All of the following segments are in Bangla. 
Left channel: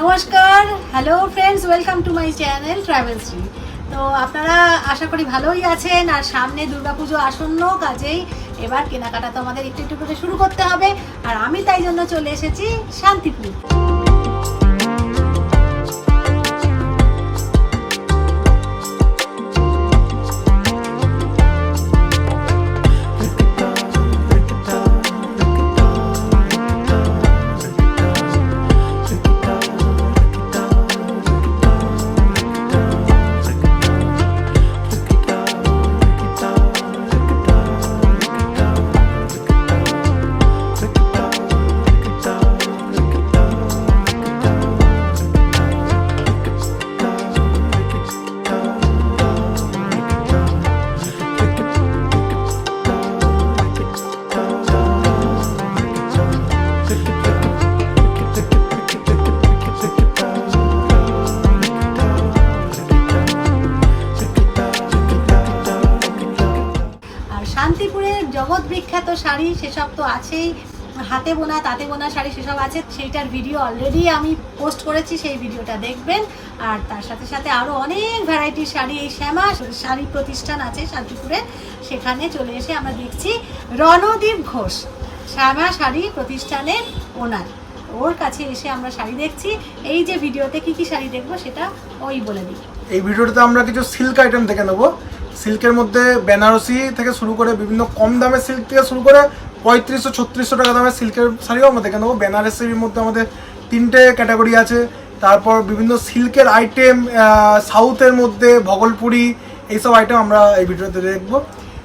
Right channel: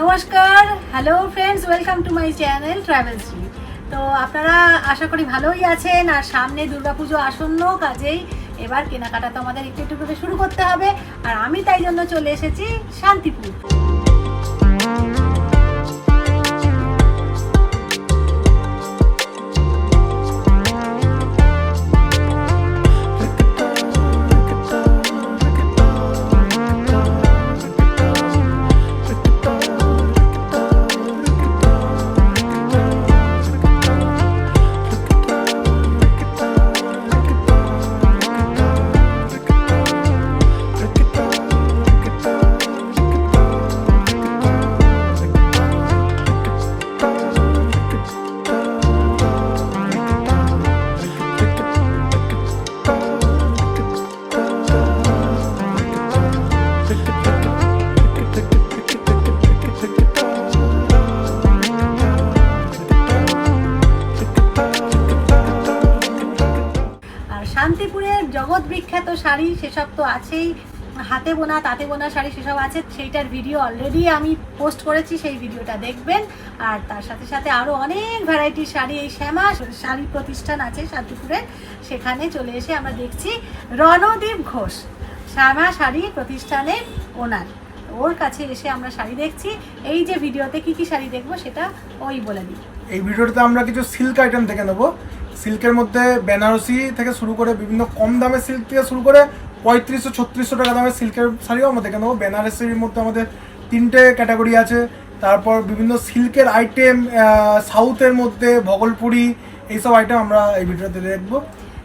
নমস্কার hello friends welcome to my channel travel Shri তো আপনারা আশা করি ভালোই আছেন, আর সামনে দুর্গাপুজো আসন্ন কাজেই এবার কেনাকাটা তো আমাদের একটু একটু করে শুরু করতে হবে, আর আমি তাই জন্য চলে এসেছি শান্তিপুর। হাতে বোনা, তাঁতে বোনা শাড়ি সেসব আছে, সেইটার ভিডিও অলরেডি আমি পোস্ট করেছি, সেই ভিডিওটা দেখবেন। আর তার সাথে সাথে আরও অনেক ভ্যারাইটির শাড়ি, এই শ্যামা শাড়ি প্রতিষ্ঠান আছে শান্তিপুরে। সেখানে চলে এসে আমরা দেখছি রণদীপ ঘোষ, শ্যামা শাড়ি প্রতিষ্ঠানের ওনার। ওর কাছে এসে আমরা শাড়ি দেখছি। এই যে ভিডিওতে কি কি শাড়ি দেখব সেটা ওই বলে দিই। এই ভিডিওটাতে আমরা কিছু সিল্ক আইটেম দেখে নেব। সিল্কের মধ্যে বেনারসি থেকে শুরু করে বিভিন্ন কম দামের সিল্ক থেকে শুরু করে পঁয়ত্রিশশো ছত্রিশশো টাকা দামের সিল্কের শাড়িও আমরা দেখে নেব। বেনারসির মধ্যে আমাদের তিনটে ক্যাটাগরি আছে। তারপর বিভিন্ন সিল্কের আইটেম সাউথের মধ্যে ভগলপুরি এইসব আইটেম আমরা এই ভিডিওতে দেখব।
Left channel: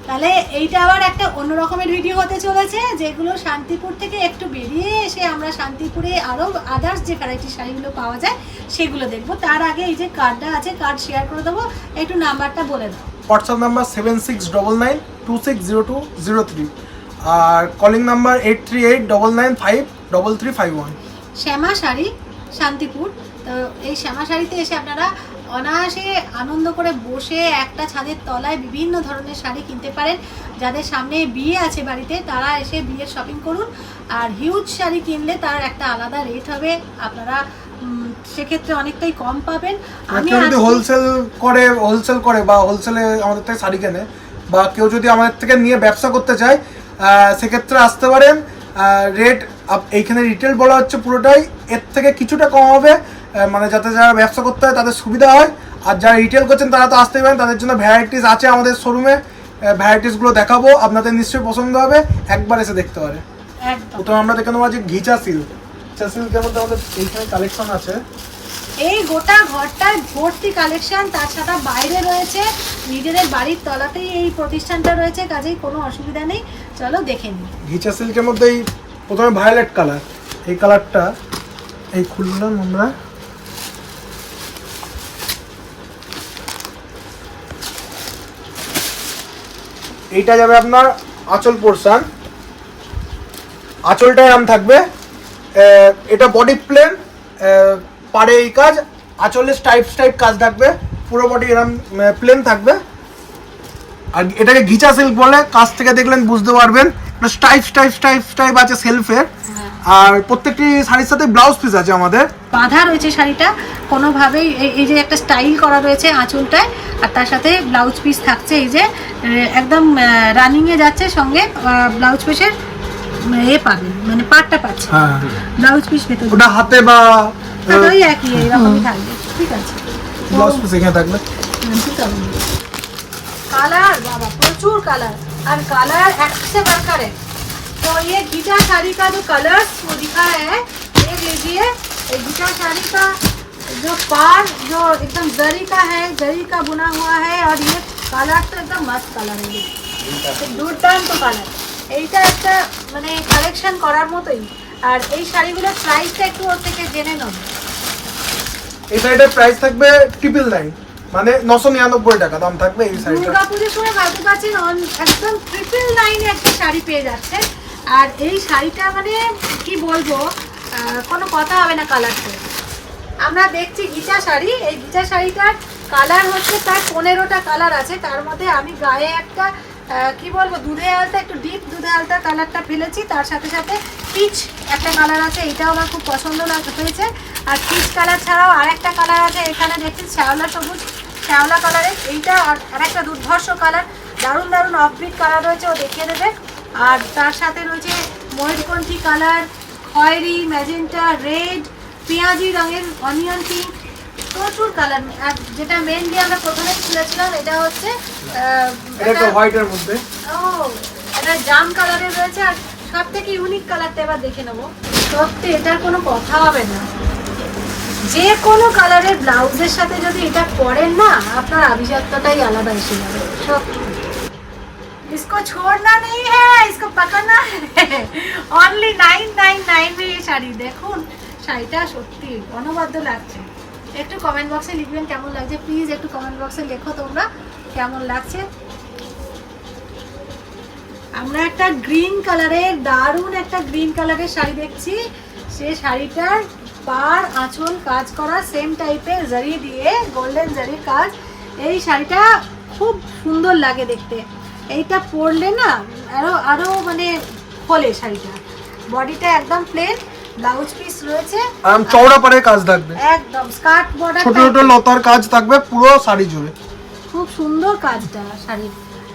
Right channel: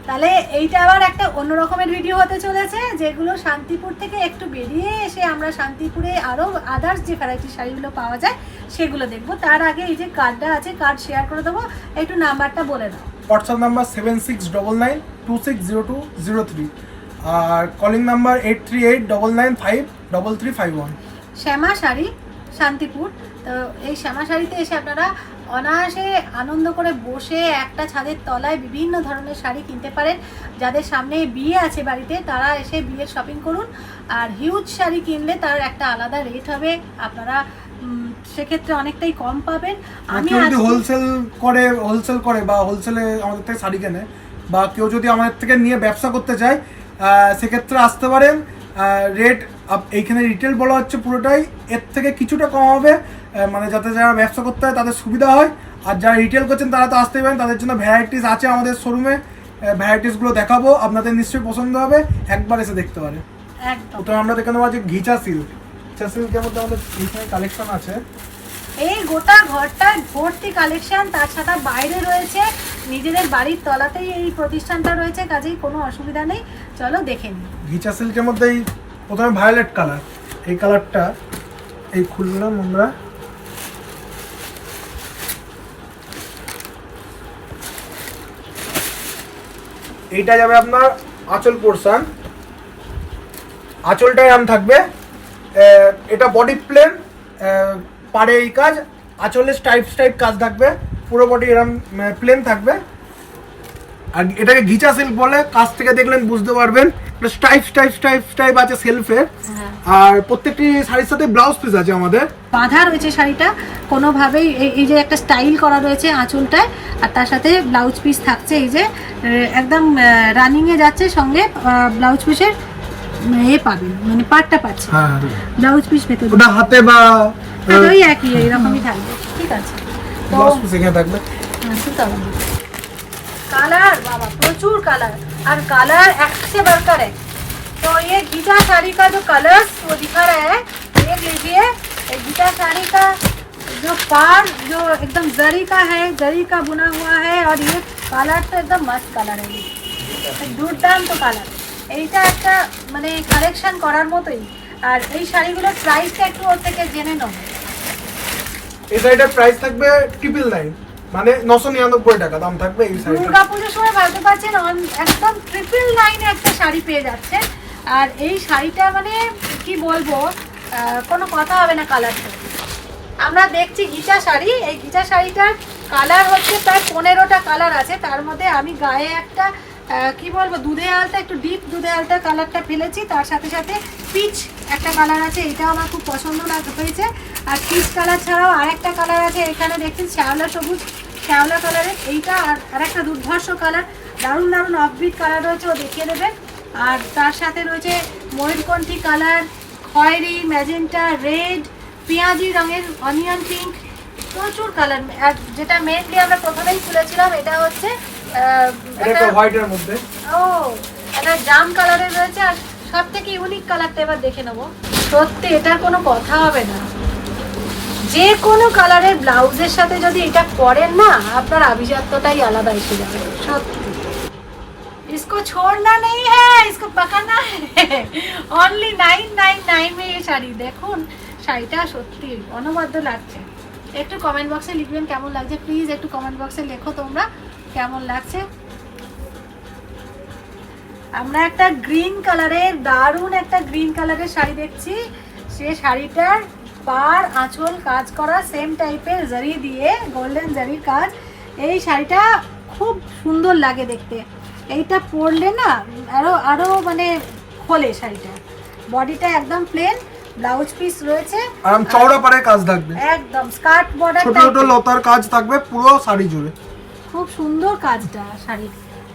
তাহলে এইটা আবার একটা অন্য রকমের ভিডিও হতে চলেছে যেগুলো শান্তিপুর থেকে একটু বেরিয়ে এসে আমরা শান্তিপুরে আরও আদার্স যে ভ্যারাইটি শাড়িগুলো পাওয়া যায় সেগুলো দেখব। তার আগে এই যে কার্ডটা আছে কার্ড শেয়ার করে দেবো। একটু নাম্বারটা বলে দাও। WhatsApp number seven six double nine two six zero two zero three আর calling number eight three eight double nine five double three five one Shyama Sari Shantipur. তো এই শ্যামা শাড়িতে এসে আপনারা অনায়াসে আনন্দ করে বসে একটা ছাদের তলায় বিভিন্ন ধরনের শাড়ি কিনতে পারেন। যাদের সামনে বিয়ে আছে বাড়িতে তারা এসে বিয়ের শপিং করুন। আর হিউজ শাড়ি কিনলে তার একটা আলাদা রেট হবে। আপনারা সেক্ষেত্রে অনেকটাই কম পাবেন। আমি যদি হোলসেল করে হোলসেল করে বা হোলসেলে আমাদের থেকে শাড়ি কেনে বা কেউ যদি আমাদের থেকে নিয়ে ব্যবসা করতে চায় সেক্ষেত্রে আসতে পারেন রেট এইখানে রিটেল বলা হচ্ছে পুরোটাই। এর থেকে কিছুটা কম হবে মানে যাতে যারা ব্যবসা করতে হয় তাদের সুবিধা হয়। আর যারা রিটেল করছেন তারা তো আসতেই পারেন তাদের জন্য ভ্যারাইটিস আছে আমাদের শোরুমে ভ্যারাইটিসগুলো দেখাবো আপনাদের নিশ্চয়ই পছন্দ হবে। একবার এসে দেখতে পারে। একদম। প্রথমে আমরা দেখে নেব আজকে ঘিচা সিল্ক ঘিচা সিল্কের মধ্যে আমাদের এইখানে কালেকশন আছে। এই গোটা ঘরটায় ভর্তি কালেকশন সাথে বাইরে রয়েছে। নিজেদের বাড়ির তলাতেই এই প্রতিষ্ঠানটা রয়েছে, কাজেই কোনো অসুবিধা নেই। চলো দেখে নিই। ঘিচা সিল্কের মধ্যে এই প্রথমে ভায়োলেট কালার এই কালারটা এই খুললাম আমরা। এইটা যাবে আপনার আঁচল পোর্শন আঁচলটাই নাম থাকবে এটা বডি প্লেন পারে এই কাজ। আঁচলে স্টাইপ স্টাইপ কাজ থাকবে। পুরো বডি এরম প্লেন থাকবে। আর এটাকে ঘিচা সিল্ক বলে। কাছ থেকে দেখলেন বুঝতে পারবেন। স্টাইপ স্টাইপ স্টাইপ স্টাইপ আছে সেলফের আর প্রত্যেকটি শাড়ির সাথে ব্লাউজ পিস আছে আমাদের। বাঁধা রয়েছে শাড়িটা। কোনোভাবেই এই- এই যে একটা স্টাইল করা রয়েছে আঁচলটায় আর তার সাথে ব্লাউজ পিস থাকছে এই যে একদম রানিংয়ে যাচ্ছে সঙ্গে ব্লাউজ পিসের এ পাবেন মানে পাটটা পাচ্ছে হ্যাঁ ব্লাউজ পিস ভেতরে ওটা হাতে বা ওই একই এইরকমই থাকবে ঠিক আছে ব্লাউজ পিস এখানে থাকবে कलर बाबा प्रचुर कलर और कलर एक से बढ़कर है तो ये गीता साड़ी का जो कलर वो दिखा रहे हैं देख लीजिए ये गीता साड़ी का जो पार जो एकदम जरी का है जरी का बुना हुआ है और ये कलर तो एकदम मस्त कलर है ये দুর্দান্ত কালার এইটা একটা মানে কালেকশন করার মতোই। আর এই শাড়িগুলোর প্রাইসটা একটু ওর থেকে জেনে নেব এই শাড়িটার প্রাইস থাকবে ট্রিপল নাইন মানে নশো নিরানব্বই টাকা দাম থাকবে এই শাড়িটা দুর্গা পুজোর সময় ভাবতে পারছেন একদম ট্রিপল নাইনে একটা শাড়ি পেয়ে যাচ্ছে। আর এই শাড়িটা মানে কি বলব কোনো কথা হবে না কালারটা আমরা দেখছি গিচা শাড়ি। এই গিচা শাড়িটার কালার হচ্ছে প্রায় পনেরোটা কালার আছে। তার মধ্যে আমি গায়ে একটা কি বলব দুধে আলতা, একটু ডিপ দুধে আলতা কালারটা ফেলেছি। তার সাথে সাথে পিচ একটা কালার আছে, এটাও আমার খুব পছন্দ হয়েছে। আর পিচ কালার ছাড়াও আরেকটা কালার আছে, এখানে দেখছেন শ্যাওলা সবুজ, শ্যাওলা কালারের এইটা আর আরেকটা দুর্ধর্ষ কালার দারুণ দারুণ অফবিট কালার রয়েছে, ও দেখিয়ে দেবে। আর তার সাথে রয়েছে ময়ূরকণ্ঠী কালার খয়েরি ম্যাজেন্টা রেড পেঁয়াজি রঙের অনিয়ন পিঙ্ক প্রচুর কালার যেটা মেনলি আমরা প্রথমেই খুলেছিলাম এটা হচ্ছে এটা একটা হোয়াইটের মধ্যে ও এটা জাম কালারের রয়েছে আর সব থেকে ইউনিক কালারটা এবার দেখে নেবো সত্যি এটার কোনো কথা হবে না যে কোনো কালারের ব্লাউজের সাথে যদি এটা পরেন না আপনার আভিজাত্যটাই আলাদা এসে যাবে সত্যি इसको छोड़ना नहीं है इसको पकड़ना है অনলি নাইন নাইন নাইন এই শাড়ি দেখুন শাড়িটা সত্যি অনবদ্য লাগছে একটু কমেন্ট বক্সে লিখবেন কেমন লাগছে প্লিজ একটু কমেন্ট বক্সে লেখো তোমরা কেমন লাগছে? আমরা একটা গ্রিন কালারের দারুণ একটা গ্রিন কালারের শাড়ি দেখছি। সে শাড়িটার পার আঁচল কাজ করা সেম টাইপের জারি দিয়ে গোল্ডেন জারির কাজ। এই শাড়িটা খুব সুন্দর লাগে দেখতে। এইটা পরলে না আরও আরও মানে খোলে শাড়িটা। বডিটা একদম প্লেন ব্লাউজ পিস রয়েছে। চওড়া পারে কাজ থাকবে। একদম স্কার্ট বর্ডার ছোট ছোট লতার কাজ থাকবে পুরো শাড়ি জুড়ে। খুব সুন্দর কাজটা শাড়ির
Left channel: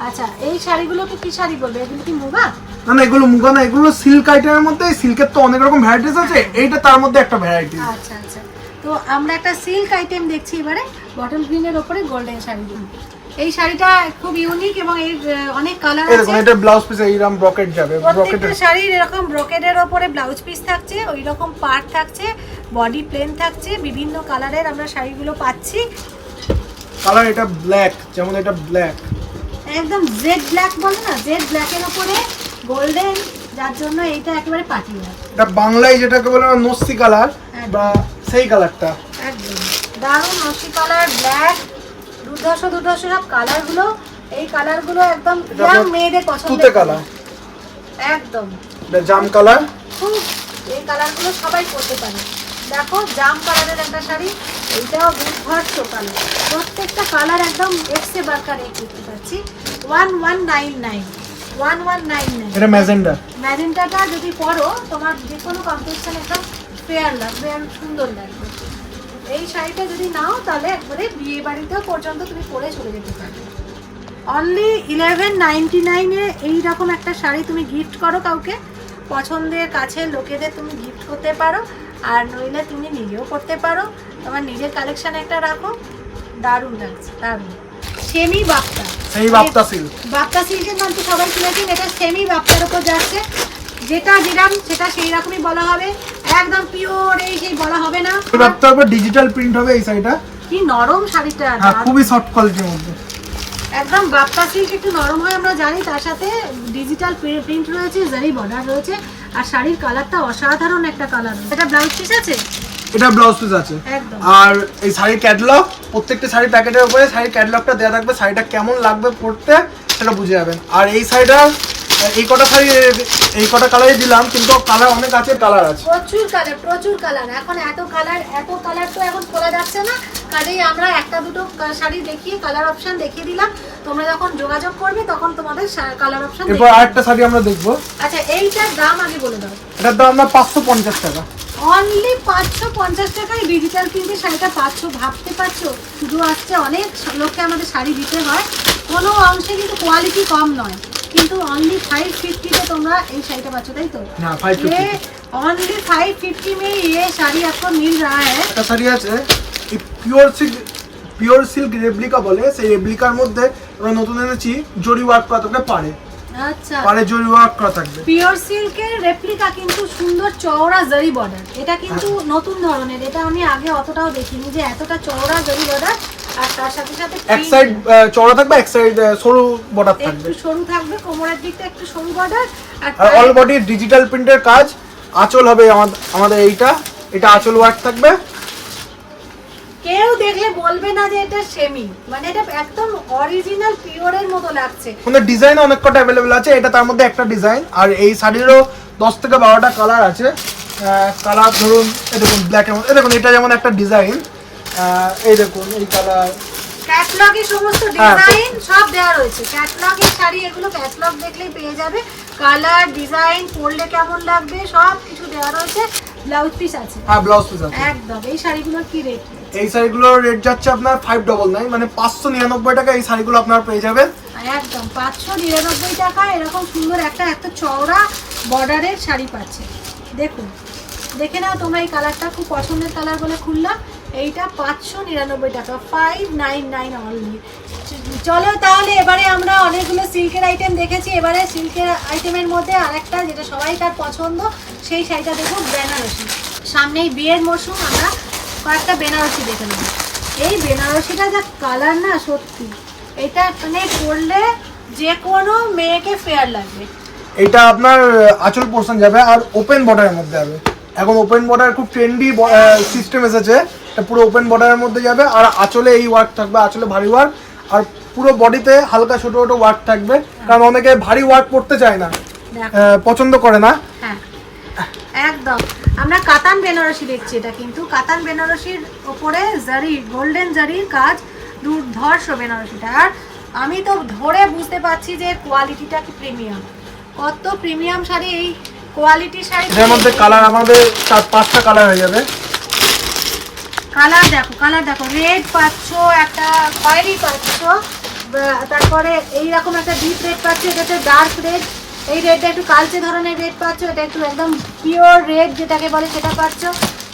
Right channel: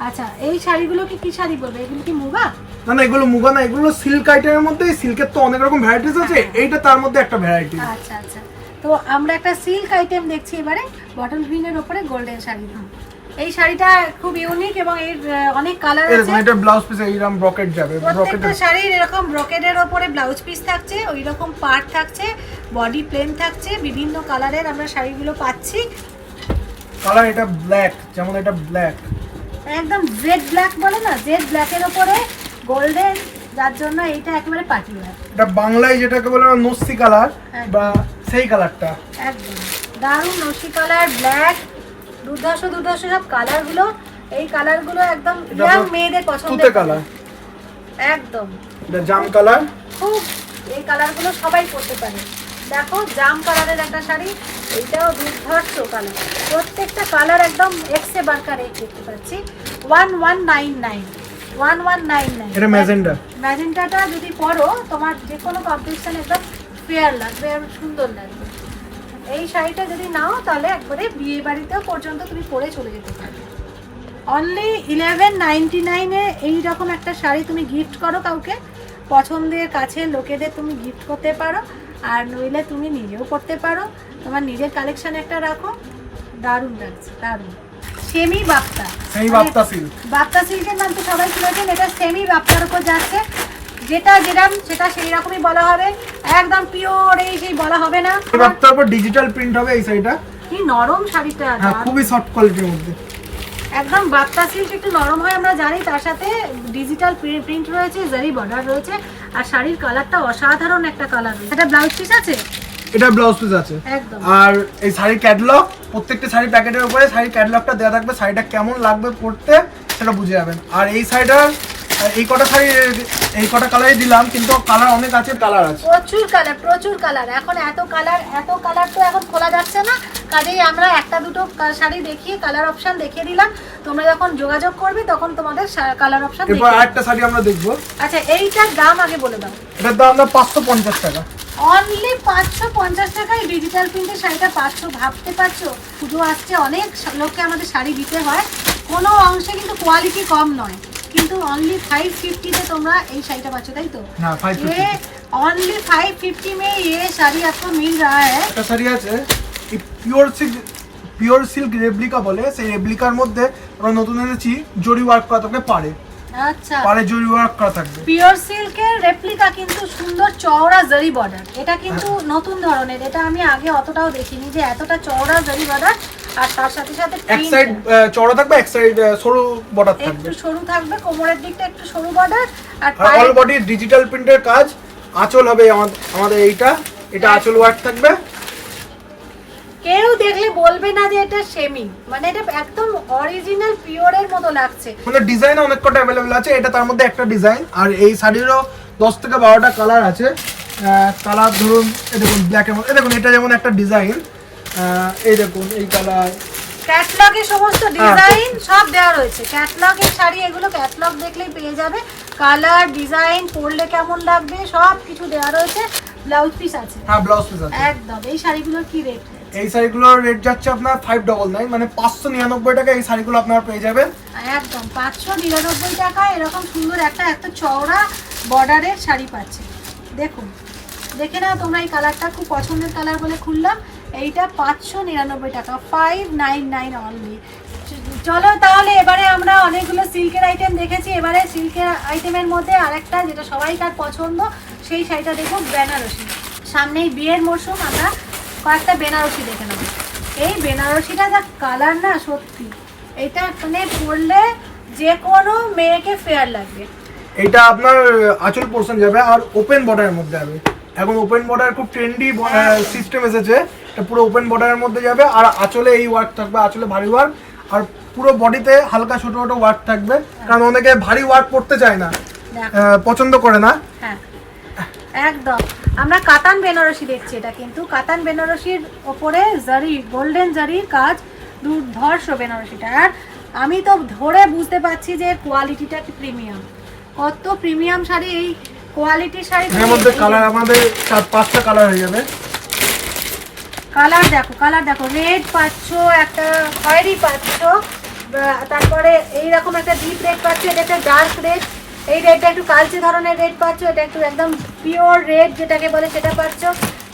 আচ্ছা এই শাড়িগুলোকে কি শাড়ি বলবে এগুলো কি মুগা? না না এগুলো মুগা না এগুলো সিল্ক আইটেমের মধ্যে সিল্কের তো অনেক রকম ভ্যারাইটিস আছে এইটা তার মধ্যে একটা ভ্যারাইটি আচ্ছা আচ্ছা। তো আমরা একটা সিল্ক আইটেম দেখছি এবারে বটল গ্রিনের ওপরে গোল্ডেন শাড়ি এই শাড়িটা খুব ইউনিক এবং এর অনেক কালার আছে। এরকম এটা ব্লাউজ পিস এইরকম ব্রকেট যাবে প্রত্যেকটা শাড়ির এরকম ব্রকেটের ওপরে ব্লাউজ পিস থাকছে ওই রকম পার্ট থাকছে বডি প্লেন থাকছে বিভিন্ন কালারের আমরা শাড়িগুলো পাচ্ছি। কালার এটা ব্ল্যাক যেমন এটা ব্ল্যাক। একদম জেড ব্ল্যাক বলে না? জেড ব্ল্যাকের ওপরে গোল্ডেন যার জন্য এইটা একেবারে পার্টি ওয়্যার এটা বাংলায় যেটাকে বলে নস্তি কালার। বা সেই কালারটা। একদম। দারুণ নসি কালার ব্ল্যাক দুর্ধর্ষ দুর্ধর্ষ সব কালারগুলো। এই কালারগুলো একদম ইয়াং মেয়েদের পছন্দের তুতে কালার। একদম। এটা জাম কালার। খুব এই কালারগুলো সবাই পরতে পারে। দেখো জাম কালারের একটা শাড়ি এইটাও দুর্ধর্ষ কালার। প্রত্যেকটা কালার একদম এক্সে বারকার এক দেখতে পাচ্ছি। One one nine nine one one nine nine এটা ম্যাজেন্ডা। ম্যাজেন্টাটা যদি পরো তোমার যে কোনো কম্পিটিশনে একদম ফেয়ার লাগবে আর সুন্দর লাগবে। এই শাড়িটা যদি নাও তাহলে একবারে বিয়ে বাড়িতেও পর্যন্ত তুমি পরে চলে যেতে পারবে অনলি ইলেভেন নাইনটি নাইনে এইরকম একটা শাড়ি তুমি গিফট করো কাউকে। পছন্দের কাছে লোকেদের তুমি গিফট করতে পারো। আর নইলে তুমি নিজেও করতে পারো। তোমার নিজের কালেকশন একটা রাখো। দারুণ লাগছে দারুণ। সেমি বাপ্তা। সেই বাপ্তা সিল্ক বাপ্তা সিল্কের নাম তো সবাই শুনেছেন এটা সেমি বাপ্তার উপর যাচ্ছে। যেটা যেরাম সেটা সেই রকমই বলা হবে। একদম পিওর এই সেই বলা হবে না। বাপ্তার উপর ডিজিটাল প্রিন্ট হবে এই শাড়িটা কি নরম শাড়িটা হ্যাঁ খুবই সফট কোয়ালিটির মধ্যে। একদম বাপ্তা সিল্ক একটু নরম হয় আমরা জানি তার সাথে ডিজিটাল প্রিন্ট রয়েছে জারি বর্ডার রয়েছে। আর শাড়ির কালারটা অসাধারণ একটা কালার। এটা ব্লাউজ পিস আছে? এটা ব্লাউজ পিস আছে। একদম। আর এই শাড়ির ক্যাটলগ প্রত্যেকটা শাড়ির প্যাকেটের উপরে শাড়ির ক্যাটলগটা দেওয়া থাকবে। শাড়িটা কেমন লাগবে পরতে সেটা বুঝে যাবেন। আর এই শাড়িটা এই কটা শাড়ি এই কটা কালারই দিলাম কিন্তু কালার অনেক আছে কালার আছে। প্রচুর কালার প্রচুর কালার এখন এত কালার এত কালার তো এখন খোলা যাচ্ছে না। কাজেই আমরা একটা দুটো শাড়ি দেখিয়ে কালার অপশন দেখিয়ে দিলাম। তোমরা যখন যোগাযোগ করবে তখন তোমাদের কালার অপশন দেখিয়ে আরেকটা শাড়ি আমরা দেখব। আচ্ছা এইটার দাম আগে বলে দাও। এটার দাম আমরা পাঁচশো পঞ্চাশ টাকা। অনলি পাঁচশো পঞ্চাশ টাকায় ডিজিটাল প্রিন্টে শাড়িটা পাঁচশো ভাবতে পারছ? শুধু আসছে অনেক লোককে আমাদের শাড়ি দিতে হয়। কোনো অংশে কিন্তু কোয়ালিটি কম নয়। কিন্তু অনলি ফাইভ ফিফটিতে তোমরা এই শাড়িটা পাচ্ছ তাই তো হ্যাঁ ফাইভ ফিফটি ये ओनली फाइव फिफ्टी में ये साड़ी आपको मिल रहा है একটা শাড়ি আছে pure silk pure silk replica বলে সেই রেপ্লিকার মধ্যে আমরা নতুন এনেছি জরি ওয়ার্ক করা থাকবে পারে আচ্ছা পারে জরি ওয়ার্ক করা থাকবে পিওর সিল্কের রেপ্লিকা কিন্তু সুন্দর চওড়া জারি বর্ডার এটা কিন্তু নতুন ধরনের এটা আমি আগে অতটাও দেখিনি যে এতটা চওড়া জারি বর্ডার আর তার সাথে সাথে এক সাইড চওড়া থাকবে এক সাইড সরু বর্ডার থাকবে। একটু সরু থাকবে কোমরের দিকটা একটু সরু বর্ডার আর অল বডি ডিজিটাল প্রিন্টের কাজ আঁচল হবে আমাদের এইটা এটা আঁচল ওয়ার্ক থাকবে। কেউ দেখলে বলবে না যে এটা সেমি মানে এটা একদম অরিজিনাল পিওরের মতো লাগছে। মানে ডিজাইন অনেক কটা অ্যাভেলেবেল আছে এটা তার মধ্যে একটা ডিজাইন আর এই শাড়িরও দশ থেকে বারোটা কালার আছে। কালার ধরুন দেখুন ব্ল্যাক এই দেখুন এটা যেমন একটা ডিজাইন এই দেখুন এই কালার। ক্যাটলগে সমস্ত হ্যাঁ, ডিজাইন সব দেওয়া রয়েছে। ক্যাটলগের শাড়ি এগুলো ক্যাটলগ দেখলেই পেয়ে যাবে। কালার ডিজাইন পরলে কেমন লাগবে সব কিছু দেওয়া রয়েছে। ব্লাউজ পিস আছে। হ্যাঁ ব্লাউজ পিস আছে। একদম। এই শাড়িগুলোর কি রেট এই শাড়িগুলোর রেট যাচ্ছে আপনার ফাইভ ডবল নাইন মানে পাঁচশো নিরানব্বই টাকা এই শাড়িগুলো আপনার পেয়ে যাবেন। একদম। পাঁচশো নিরানব্বই টাকা এরকম সুন্দর একটা এত চওড়া বর্ডারের শাড়ি পাচ্ছে। দেখুন। দেখে নাও তোমরা এই কালারটা খুব পছন্দের কালার বলে খুললাম। এইটা পাঁচশো নিরানব্বই টাকা ফাইভ নাইন নাইন অনলি চলো তাহলে এবারে আমরা অনেকগুলো সিল্কের আইটেম দেখেছি। এবারে সিল্কের আইটেমের মধ্যে আরেকটা যেটা সবাইকার পছন্দ সেই শাড়িটা দেখো বেনারসি। সামনেই বিয়ের মরশুম আমরা কয়েকটা বেনারসি দেখে নেব। এই বেনারসিটা যা কালার না সত্যি। এটা মানে পরলে যে কোনো মেয়েকে ফেয়ার লাগবে। এটা আপনার আঁচল পোর্শন যাবে আর ওপেন বর্ডারের মধ্যে যাবে। এখন ওপেন বর্ডার খুব ট্রেন্ডি সিস্টেম এসেছে। পুরো ওপেন বর্ডারের মধ্যে যাবে আর আঁচলে এই ওয়ার্ক থাকবে আঁচলে ভারী ওয়ার্ক আর পুরো বডিতে হালকা ছোট ছোট ওয়ার্ক থাকবে কারণ অনেকে ভারী ওয়ার্ক করতে চায় না পছন্দ করে না। হ্যাঁ। একদম। আমরা কাতান বেনারসি দেখছি এটা কিন্তু। কাতান বেনারসির ওপরে জারি গোল্ডেন জারির কাজ দুর্ধর্ষ বেনারসিটা। আর আমি তো ধরে বুঝতে পারছি যে কোয়ালিটিটা কি প্রিমিয়াম কত প্রিমিয়াম শাড়ি এই কোয়ালিটি শাড়ি এর মধ্যে কালার আমাদের চার পাঁচটা কালার হয়ে যাবে। কালার দেখো কালার দেখো। রেড পাচ্ছ একটা খয়েরি পাচ্ছ তারপরে এইরকম একটা ডিপ রেড পাচ্ছ এটা হচ্ছে ডার্ক রেড এই রেডটা একটু কালচে ধরনের রেড পাচ্ছ এটা একটু একদম পিওর রেড যেটাকে বলে সেটা পাচ্ছ।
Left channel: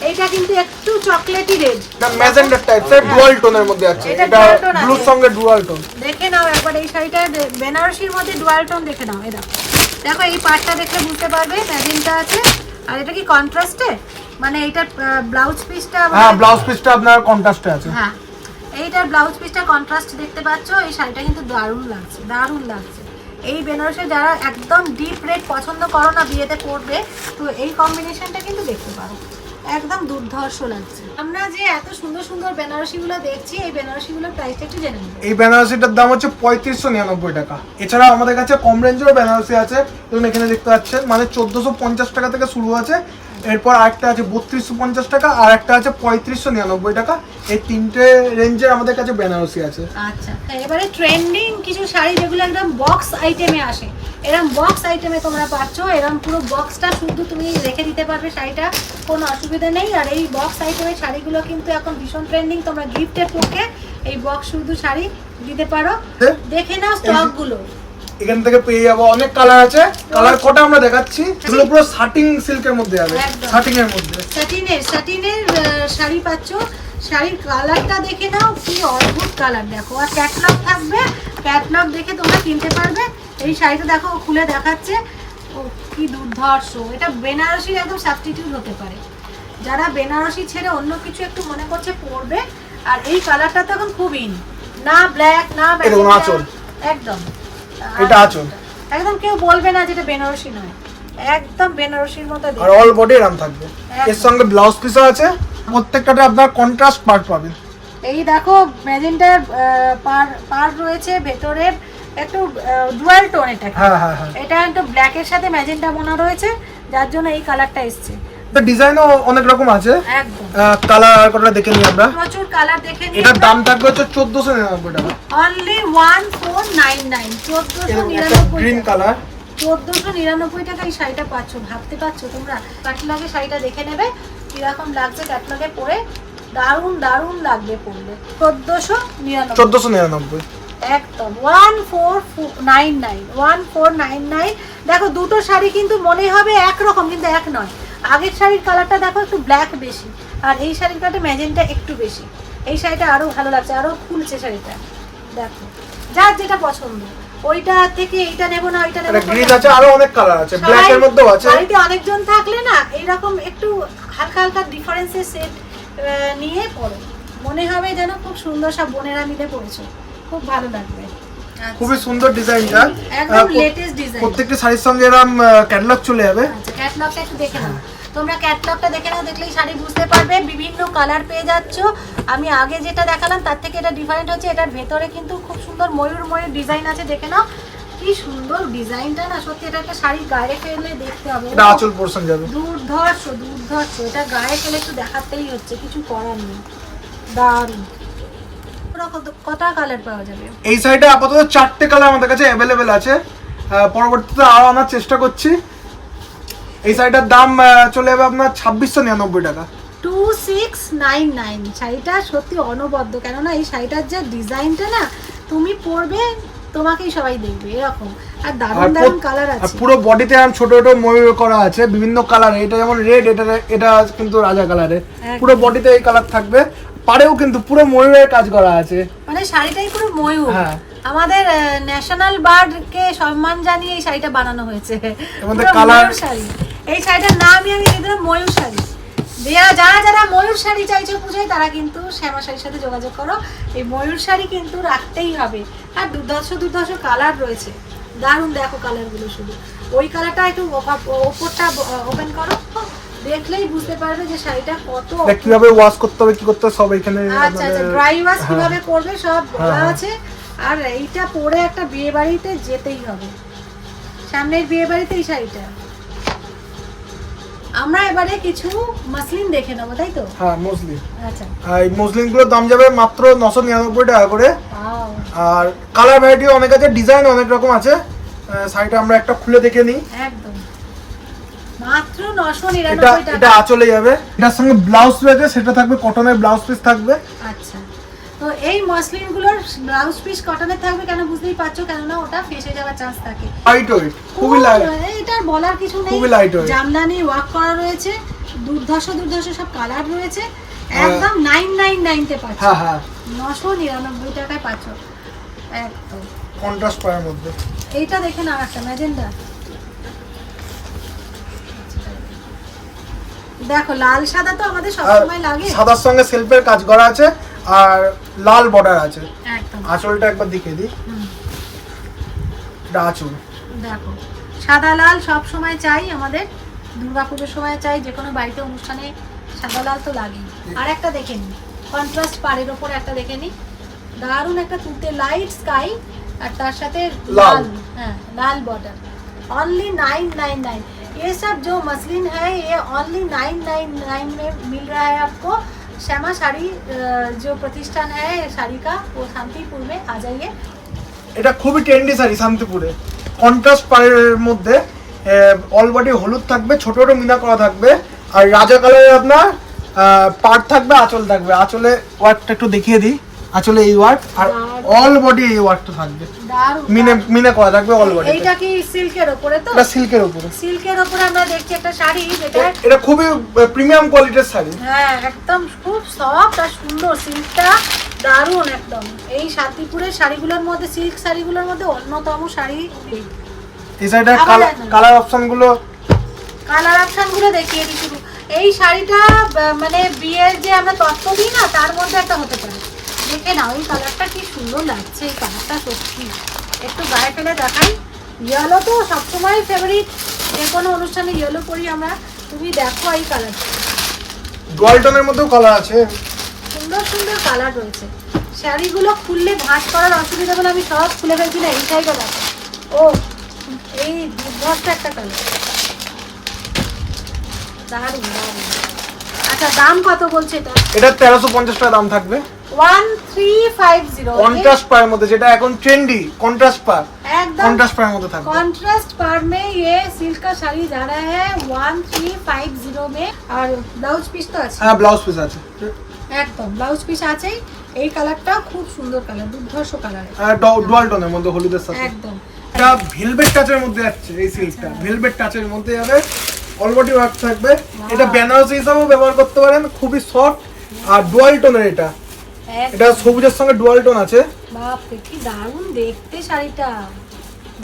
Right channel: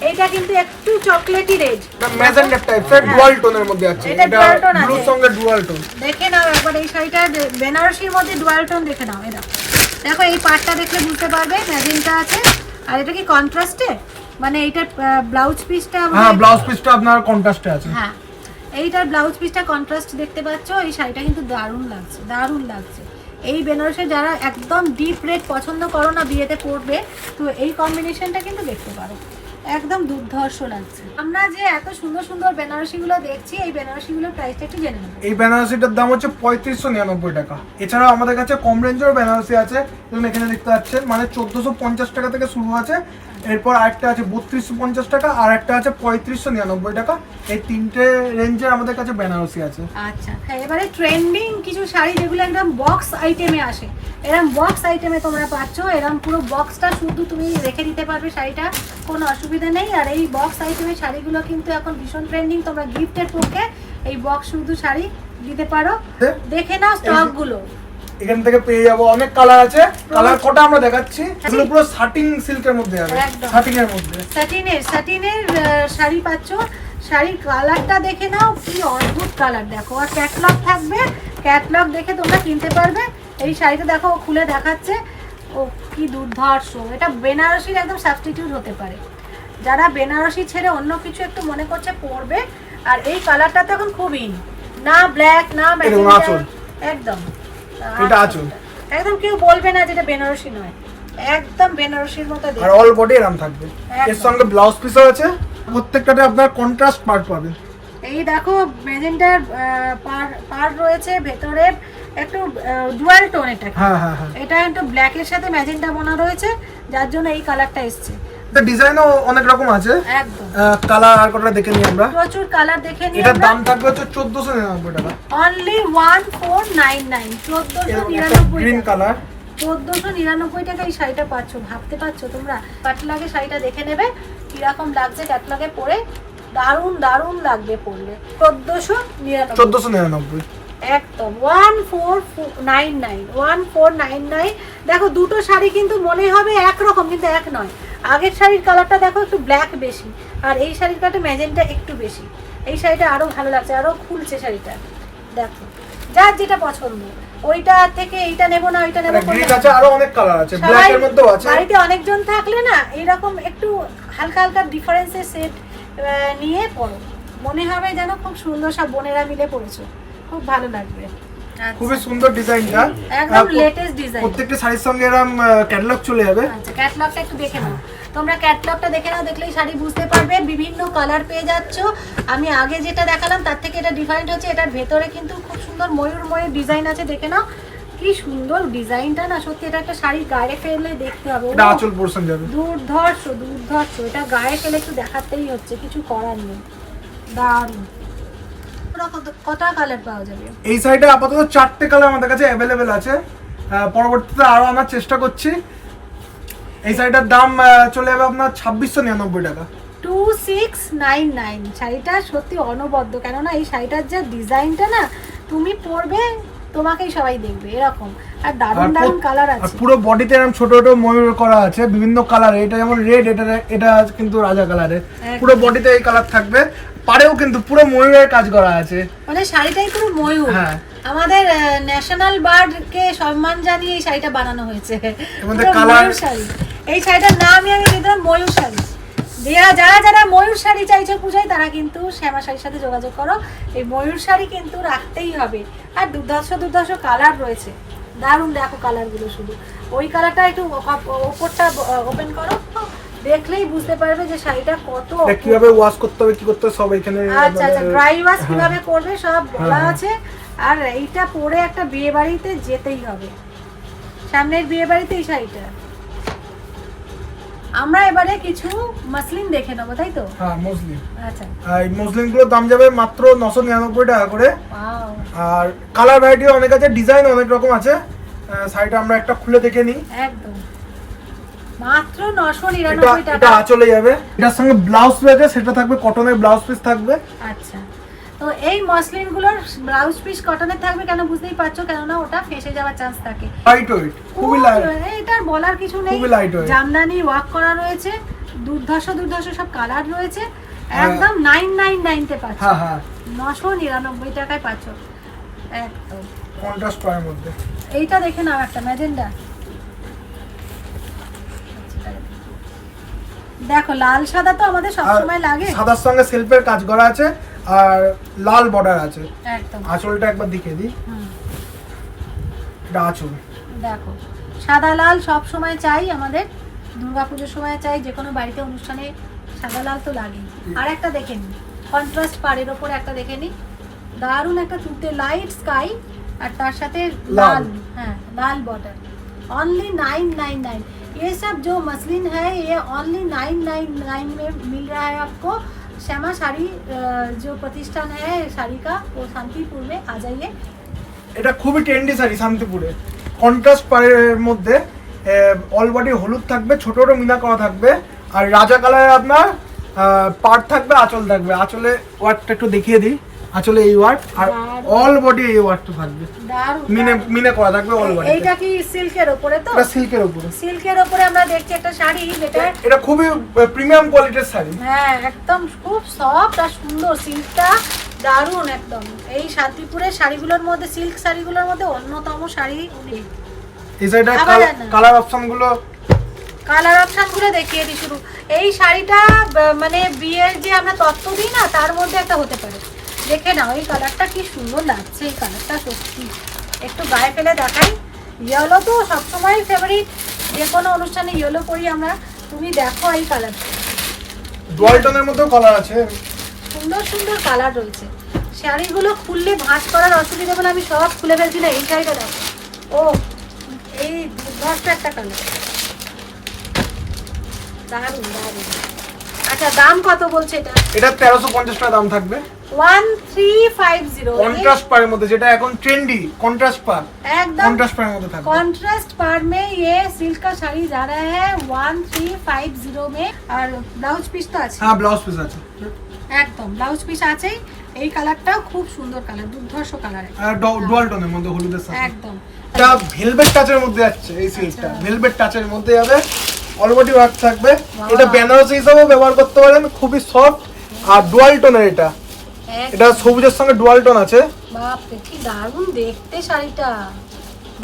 এইটা কিন্তু একটু চকলেটি রেড ম্যাজেন্ডার টাইপের ডুয়াল টোনের মধ্যে আছে। এটা এটা dual tone ব্লুর সঙ্গে ডুয়াল টোন দেখে নাও একবার এই শাড়িটা বেনারসির মধ্যে ডুয়াল টোন দেখে নাও এটা দেখো। এই পার্টটা দেখলে বুঝতে পারবে ম্যাজিনটা আছে। আর এটা কি কন্ট্রাস্টে মানে এইটার ব্লাউজ পিসটা হ্যাঁ ব্লাউজ পিসটা আপনার কন্ট্রাস্টে আছে। হ্যাঁ এইটার ব্লাউজ পিসটা কন্ট্রাস্ট দেখতে পাচ্ছ এই শাড়িটা কিন্তু দারুণ লাগছে দারুণ লাগছে। এই বেনারসে যারা একদম ডিপ রেড পছন্দ করো না বিয়েতে পরবে তো এই কম্বিনেশনটা কিন্তু দেখতে পারো। একদম দুর্ধর্ষ লাগছে। আমরা যে এত সুন্দর সুন্দর বেনারসিগুলো দেখছি এই বেনারসিগুলোর প্রাইসটা একটু জেনে নেব এই বেনারসিটার দাম হচ্ছে পঁয়ত্রিশশো নিরানব্বই টাকা। এছাড়া আমাদের কাছে কম রেঞ্জেরও বেনারসি আছে যেমন এখানে দেখতে পাচ্ছেন মানে চোদ্দোশো পঞ্চাশ টাকা থেকে শুরু আছে। এরপর আরেকটা আছে বত্রিশশো পঞ্চাশ টাকা আর একটা আছে পঁয়ত্রিশশো নিরানব্বই টাকা। এই তিনটে রেঞ্জের আমাদের কাছে বেনারসি আছে। আচ্ছা এবারে ট্রেন্ডিং কিছু শাড়ি যেগুলো একদম বক্স আইটেমে আসে। এরম বক্স আইটেমে তোমরা পাচ্ছ এরম পুরো বক্সটা শুধু তুমি রেখে দিতে পারবে শাড়িটা কোনো অসুবিধা নেই। আর এই বক্স আইটেমের শাড়িগুলো কিন্তু এখন ভীষণ ট্রেন্ডিং তোমরা গিফটের পক্ষে এই বক্স শুধু শাড়ি দিতে পারো। দেখে নাও স্টকগুলো এখান থেকে পেয়ে যাব। অনেক কালার আছে। কালার কটা আমরা দেখাচ্ছি? এগুলো পুরো সিল্কের মধ্যে আছে। এর মধ্যে। শাড়ি পাচ্ছ। শাড়ির কালারটা দেখে নাও। কি অদ্ভুত কালার দেখো। আর ক্যাটলগ থাকবে। ক্যাটলগ দেখে তোমরা কিনতে পারবে। এই শাড়িটা দেখো খুলে দেখাচ্ছে। ও কি দুর্ধর্ষ। এটা বেনারসির একদম সাবস্টিটিউট হতে পারে। যারা বেনারসি ছেড়ে অন্য কিছু একটু মনে করছে পরবে। আর এই কালারটা তো এখন খুব ইন না ব্ল্যাক না। একদম। এটা আঁচল। একদম কেউ বলবে না যেটা বেনারসি নয়। একদম বেনারসির মতো আর অল বডি এরম থাকবে। এর সঙ্গে ব্লাউজ পিসও আছে। প্রত্যেকটাতে আপনার কন্ট্রাস্ট পার্ট পাবেন। এই দেখো ম্যাজেন্টার পার পার রয়েছে ভেতরে একটু ডুয়াল টোন এটা এটা একটু ব্ল্যাকের সাথে ম্যাজেন্টা বোনা রয়েছে যার জন্য এই কালারটা এসছে। ডিজাইনও অনেক রকম আছে। কালার দেখে নিই আমরা। প্রচুর কালার দেখে এটার দাম থাকবে হচ্ছে চোদ্দশো নিরানব্বই টাকা। Only one four nine nine চোদ্দোশো নিরানব্বই গ্রিন টাকা। কালার চোদ্দোশো নিরানব্বই টাকা এই শাড়িটা পাচ্ছ ভাবতে পারছ তোমরা? ক্যাটলগে শাড়িটা দেখে নেবে কীরকম লাগছে ক্যাটলগে পরে। দারুণ দারুণ লাগবে পরলে। চোদ্দোশো নিরানব্বই। চোদ্দশো নিরানব্বই। একদম। One four nine nine one four nine nine দেখো দুটো শাড়ি কিন্তু মনে হবে একরকম কিন্তু এক নয়। আগের শাড়ির কালারটা দেখো একটু ব্ল্যাক বেশি আর এই শাড়ির কালারটা ম্যাজেন্টা একটু বেশি। এই শাড়িটা আরও ভালো লাগছে আরও খুলছে শাড়িটা। দেখো যার যেটা পছন্দ ওইটা থেকে এইটা নেব না ওইটা নেব গ্রিন আছে আরও অনেক কালার আছে ব্ল্যাক এর মধ্যেও আছে। বাড়িতে অনেকজন থাকলে না এইরকম একটু হালকা হালকা ডিফারেন্সের সেট নিয়ে পড়ো মনে হবে যেন খুব সুন্দর সব বোনেরা মিলে পড়েছো খুব ভালো লাগবে। খুবই সুন্দর ডিজাইনটা। একদম লেটেস্ট ডিজাইন প্রত্যেকটা শাড়ির সঙ্গে এরম ক্যাটালগ চলে যাবে। আচ্ছা ক্যাটলগটা একটু দেখে নাও। তোমরা ক্যাটলগটা দেখে নাও দেখলেই শাড়ি বুঝতে পারবে। বিভিন্ন কালার পেয়ে যাচ্ছ। আমি আগে যেটা দেখালাম তার থেকে এটা ডিফারেন্ট হচ্ছে। এটার ভেতরে কিন্তু খুব সুন্দর ময়ূর ময়ূর ডিজাইন আছে দেখে নাও। কি সুন্দর ডিজাইনটা না সত্যি এটা একটা শাড়ি গায়ে ফেললে দেখতে হবে। আঁচল পোর্শন যাবে। দুর্ধর্ষ দুর্ধর্ষ। এটা গায়ে ফেলে একটু দেখাতেই হচ্ছে কিছু করার নেই। দারুণ। কটা কালার পাওয়া যাবে? এই শাড়িটা আপাতত চারটে কালার আমাদের কাছে অ্যাভেলেবেল আছে। পরবর্তীতে আরও আনার চেষ্টা করছি। এই শাড়িটার দাম চলে যাবে আপনার ছাব্বিশশো নিরানব্বই টাকা। টু সিক্স নাইন নাইন শাড়িটা সত্যি অনবদ্য কেননা এই শাড়িটার যে ডিজাইনটা না তুমি পরবে তোমাকেই সবাই দেখবে এরকম। আর দারুণ দারুণ কালার আছে। পুরো বডিতে এরকম ছোট ছোট ময়ূর করা আছে বিভিন্ন কালারে এটা যেমন রেড এটা এটা কিন্তু রাজা কালারে। পুরো বডিতে এই কালার থাকবে। পাড়েও কিন্তু পুরো ময়ূরের কাজ করা আছে। মানে শাড়িটাই পুরো ময়ূর। হ্যাঁ। আমাদের ন্যাশনাল বার্ড কে সম্মান জানিয়ে এই শাড়িটা বানানো হয়েছে। ময়ূর শাড়ি। এই শাড়িটার নামই আমি দিয়ে দিলাম ময়ূর শাড়ি। যারা যারা যারা ময়ূর শাড়ি চাইছো পুজোয় তারা কিন্তু শ্যামা শাড়ির সাথে যোগাযোগ করো। এই ময়ূর শাড়ি কিন্তু রাখতেই হবে। আর দুর্ধর্ষ দুর্ধর্ষ কালার রয়েছে। দারুণ দেখো কালারগুলো শুধু। ওই কালারটা একটু ওপরটা ওপেন করো। দেখলেই বুঝতে পারবে যে শাড়িটা কত কীভাবে ওয়াশ করতে হবে কি করতে হবে সব এখানে আচ্ছা আচ্ছা ড্রাই ওয়াশ হ্যাঁ। কীভাবে করবে সব বলা হ্যাঁ। আছে। আর এইটা পরে একটা বিয়ে বাড়িতে যেতেই হবে। সামনের বিয়ে বাড়িতে এই শাড়িটা। আমরা এবারে কিছু মাসলিন দেখে নেব তাই তো? হ্যাঁ মসলিন আচ্ছা। এই মসলিনগুলোর দাম যাবে মাত্র নশো নিরানব্বই টাকা করে। আর কালার ভ্যারাইটি অনেক আছে ডিজাইন অনেক রকম আছে। শাড়িটা আমরা একটা খুলে দেখে নিই। একদম। মাত্র নশো এটা এটা টাকা। আঁচলে যাবে। এটার সঙ্গে ব্লাউজ রয়েছে সেটা থাকবে কটনের ব্লাউজ পিস থাকবে। আচ্ছা। তো এই মসলিনগুলোর ব্লাউজ পিস কটনের থাকবে কেন বুঝতেই পারছ? কেননা ওটা ফেসে যাওয়ার চান্স থাকে। লাইট ওয়েট খুবই লাইট এটার বলার কিছু নেই। খুবই lightweight। জামদানি ওয়ার্ক করা রয়েছে। দুর্ধর্ষ দুর্ধর্ষ সব কালার রয়েছে। হ্যাঁ। একদম নাইন নাইন নাইনতে পাচ্ছ। হ্যাঁ হ্যাঁ। নশো নিরানব্বই টাকায় পাচ্ছ। একদম। কন্ট্রাস্ট পায়ের মধ্যে। এইটা দেখে নাও একটা ম্যাজেন্ডা। দেখো লাল সাদা তো আমাদের সবসময় লাগে। সাদার সঙ্গে সেলফের কাজ করা আছে আর লাল বর্ডার আছে। একদম। আঁচলটা একবার দেখিয়ে দিই। দেখো সাদা লাল সব সময় চাই আমাদের দুর্গাপুজোর সময় চাই যে কোনো বাড়িতে অনুষ্ঠানে সাদা লাল তো লাগেই। আর একটা দেখে নিই কন্ট্রাস্ট পাড়ের ওপর একটা দেখে নিই দারুণ একটা তুলতে লাইট স্কাই আর তার সাথে লাল। হ্যাঁ লাল border. Only nine nine nine ये सब जो मसलिन है ये ओनली नाइन नाइन नाइन में मिल रहा है आपको श्यामा साड़ी अ, जो प्रतिष्ठान है साड़ी का वो शांतिपुर में आ जाइए এটা খুবই ট্রেন্ডি শাড়ি শান্তিপুরে কন্ট্রাস্ট পাড়ের মধ্যে অল বডি হলুদ থাকবে ছোট ছোট মিনা করা থাকবে আর রাজা কালারে আপনার পাট থাকবে আঁচল থাকবে আঁচলে ওয়ার্কটা একটু দেখিয়ে দিই আঁচলে এই ওয়ার্ক আর অল বডি এই ওয়ার্কটা থাকবে। মিনে মিনে করা থাকবে অল বডি এইটা কি সিল্কের ওপরে তো? এটা সিল্কের উপরে। সিল্কের ওপরে আমরা দেখছি একটা শাড়ি যেটা এটা খুবই প্রিমিয়াম কোয়ালিটির শাড়ি। হ্যাঁ একদম খুব সফট আর সুন্দর। সিল্কটা দারুণ একদম। এই শান্তিপুরের শাড়িগুলোর মধ্যে সিল্ক শাড়িগুলোর মধ্যে অন্যতম শাড়ি এই। এই শাড়িটার কালার অপশনগুলো কালার অপশনগুলো দেখিয়ে দিই শুরু এই শাড়িটা মানে বিয়ের যে আমরা তত্ত্ব দিই না তার মধ্যে একটা হতে পারে। দেখে নাও এই কালারটা কি সুন্দর লাগছে এই কালারটা সত্যি। একটু গায়ে ফেলে দেখাই। ইয়েলো তো সবসময় ফেভারিট যে কোনো অনুষ্ঠানে ইয়েলো পরি আমরা। তুমি দেখো এই কালারটা ডোয়ালটনের মধ্যেও কালার আছে। সুন্দর সুন্দর কালার রয়েছে। শাড়িগুলো খুললে ভাঁজ করার অসুবিধা বলে আমি সব খুলে ফেলছি না এই শাড়িটা দেখো। ও এই দুর্ধর্ষ একটা কালার দারুণ দারুণ। আচ্ছা দাম কত বলছে এটা? এটা তেরোশো পঞ্চাশ টাকা দাম থাকবে। One three five zero contrast পায়ের মধ্যে যেটা এখন ট্রেন্ডি কন্ট্রাস্ট পা একদম কন্ট্রাস্ট পায়ের মধ্যে থাকবে कॉन्ट्रास्ट पार में ये सिल्क का साड़ी जा रहा है वन थ्री फाइव जीरो में আর ব্লাউজ পিস তো আছে হ্যাঁ ব্লাউজ পিস আছে একদম ব্লাউজ পিস আছেই এই কালারটাও খুব সুন্দর কালার দুর্ধর্ষ কালার ডুয়াল টোনের মধ্যে হলুদের সাথে একদম এটা ভেলভেট টাচের মধ্যে যাচ্ছে এই সিল্কটা আচ্ছা। ভেলভেট টাচের মধ্যে যাবে অলবডি ওয়ার্ক থাকবে এটা বেনারসি হিসাবে ব্যবহার করতে পারেন খুবই সফট আর ডুয়াল টোনের এটা এটা সবুজের সঙ্গে ডুয়াল টোন আছে। বাপরে কি দারুণ দেখতে শাড়িটা।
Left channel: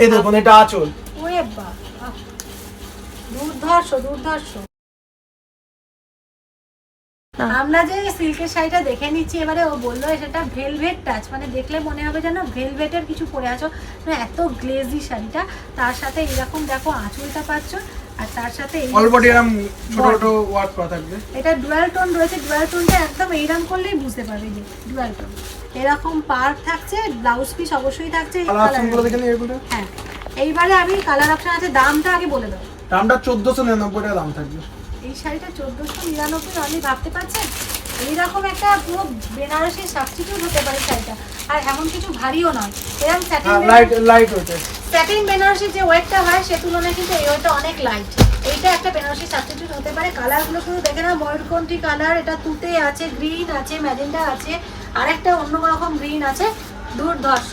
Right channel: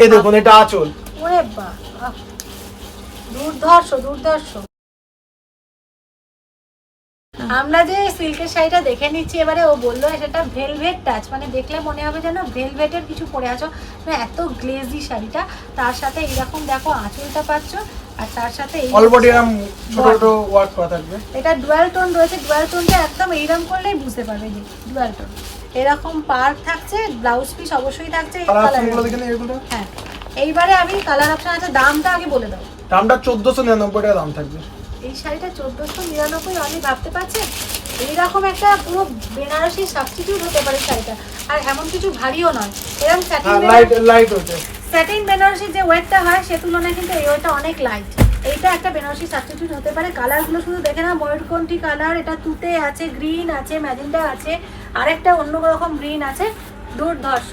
এই দেখুন এটা আঁচল। ওরে আহ, দুর্ধর্ষ দুর্ধর্ষ। আমরা যে সিল্কের শাড়িটা দেখে নিচ্ছি এবারে ও বলল সেটা ভেলভেট টাচ মানে দেখলে মনে হবে যেন ভেলভেটের কিছু পরে আছো। মানে এত গ্লেজি শাড়িটা তার সাথে এইরকম দেখো আঁচলটা পাচ্ছ। আর তার সাথে এই এরকম ছোট ছোট ওয়ার্ক করা থাকবে। এটা ডুয়াল টোন রয়েছে ডুয়াল টোনটা একদম এইরকম করলেই বুঝতে পারবে যে ডুয়াল টোন এরকম পার থাকছে ব্লাউজ পিস অবশ্যই থাকছে হ্যাঁ এইবারে আমি কালার অপশন আছে দামটা আগে বলে দাও। দামটা চোদ্দশো নিরানব্বই টাকা দাম থাকবে। এই শাড়িটা চোদ্দোশো নিরানব্বই আপনি ভাবতে পারছেন এইরকম একটা পুরো বেনারসি সাবস্টিটিউট হতে পারে শাড়িটা। আর এমন কিছু ভারীও নয় এরকম লাইট লাইট হচ্ছে স্যাটিন বেনারসির যে ওয়েটটা হয় সে তুলনায় কিন্তু এই ওয়েটটা অনেক লাইট এইটা একটা বেনারসি সাবস্টিটিউট হতে পারে। কালারগুলো শুধু দেখে না ময়ূরকণ্ঠী কালার এটা তুতে আছে গ্রিন আছে ম্যাজেন্ডা আছে আরেকটা অন্য রকম গ্রিন আছে দুর্ধর্ষ।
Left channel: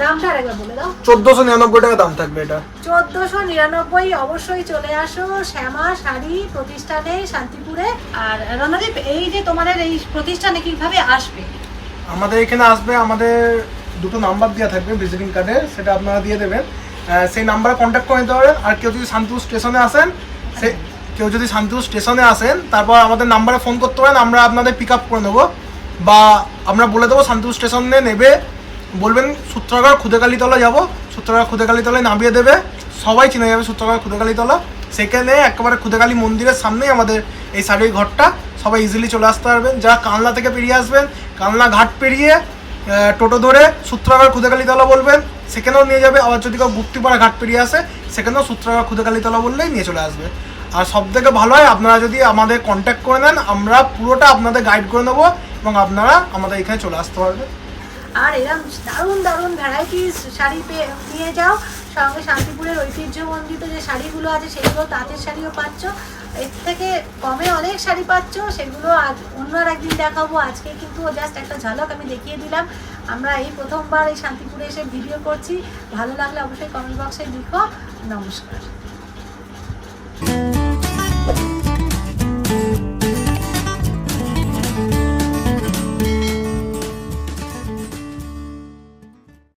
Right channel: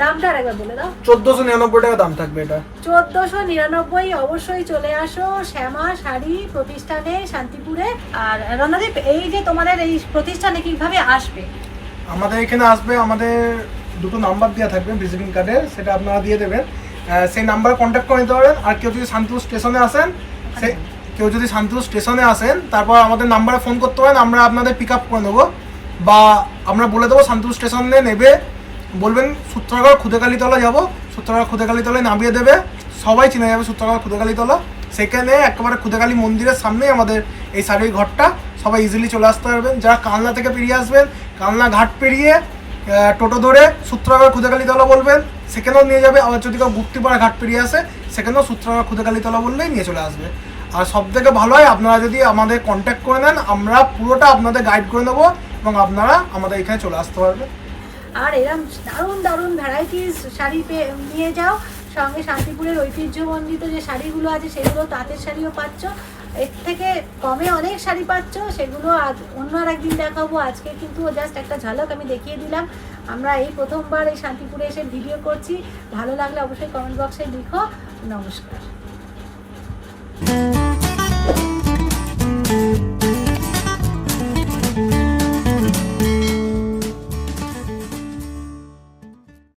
দামটা আরেকবার বলে দাও। চোদ্দোশো নিরানব্বই টাকা দাম থাকবে এটা। চোদ্দোশো নিরানব্বই অবশ্যই চলে আসো। শ্যামা শাড়ি প্রতিষ্ঠানে শান্তিপুরে। আর রণদীপ এই যে তোমাদের এই প্রতিষ্ঠানে কীভাবে আসবে? আমাদের এখানে আসবে আমাদের দুটো নাম্বার দেওয়া থাকবে ভিজিটিং কার্ডের সেটা আপনারা দিয়ে দেবেন। সেই নাম্বারে কন্ট্যাক্ট করে নিতে পারবেন। আর কেউ যদি শান্তিপুর স্টেশনে আসেন, সে কেউ যদি শান্তিপুর স্টেশনে আসেন, তারপর আমাদের নাম্বারে ফোন করতে পারেন, আমরা আপনাদের পিক আপ করে নেব। বা আমরা বলে দেবো, শান্তিপুর স্টেশনে নেবে। বলবেন সূত্রাগড় খুদেকালীতলা যাব। সূত্রাগড় খুদেকালীতলায় নামিয়ে দেবে। সবাই চিনে যাবে সূত্রাগড় খুদেকালীতলা সেখানে একেবারে খুদেকালী মন্দিরের সামনেই আমাদের এই শাড়ির ঘরটা। সবাই ইজিলি চলে আসতে পারবেন। যারা কালনা থেকে পেরিয়ে আসবেন, কালনা ঘাট পেরিয়ে টোটো ধরে সূত্রাগড় খুদেকালীতলা বলবেন, সেখানেও নিয়ে যাবে। আবার যদি কেউ গুপ্তিপাড়া ঘাট পেরিয়ে আসে, সেখানেও সূত্রাগড় খুদেকালীতলা বললেই নিয়ে চলে আসবে। আর সব থেকে ভালো হয়, আপনারা যদি আমাদের কন্ট্যাক্ট করে নেন, আমরা পুরোটা আপনাদের গাইড করে নেব এবং আপনারা আমাদের এখানে চলে আসতে পারবেন আর এরম দারুণ দারুণ ভ্যারাইটিস শাড়ি পে- নিয়ে যাও। সঙ্গে শান্তিপুরের ঐতিহ্যমণ্ডিত যে শাড়িগুলো আছে, সেগুলো তাঁতের শাড়িও পাচ্ছ। এর থেকে কমে অনেক শাড়ি পাচ্ছ, সেগুলো আজ অন্য আর একদিন দেখাবো। আজকে কিন্তু জাস্ট একটা ঝলক আমি দেখিয়ে দিলাম। আমরা এই প্রথমবার এই শান্তিপুরে এসে ভিডিও করছি। ভালো লাগলে অবশ্যই কমেন্ট বক্সে লিখো। নমস্কার।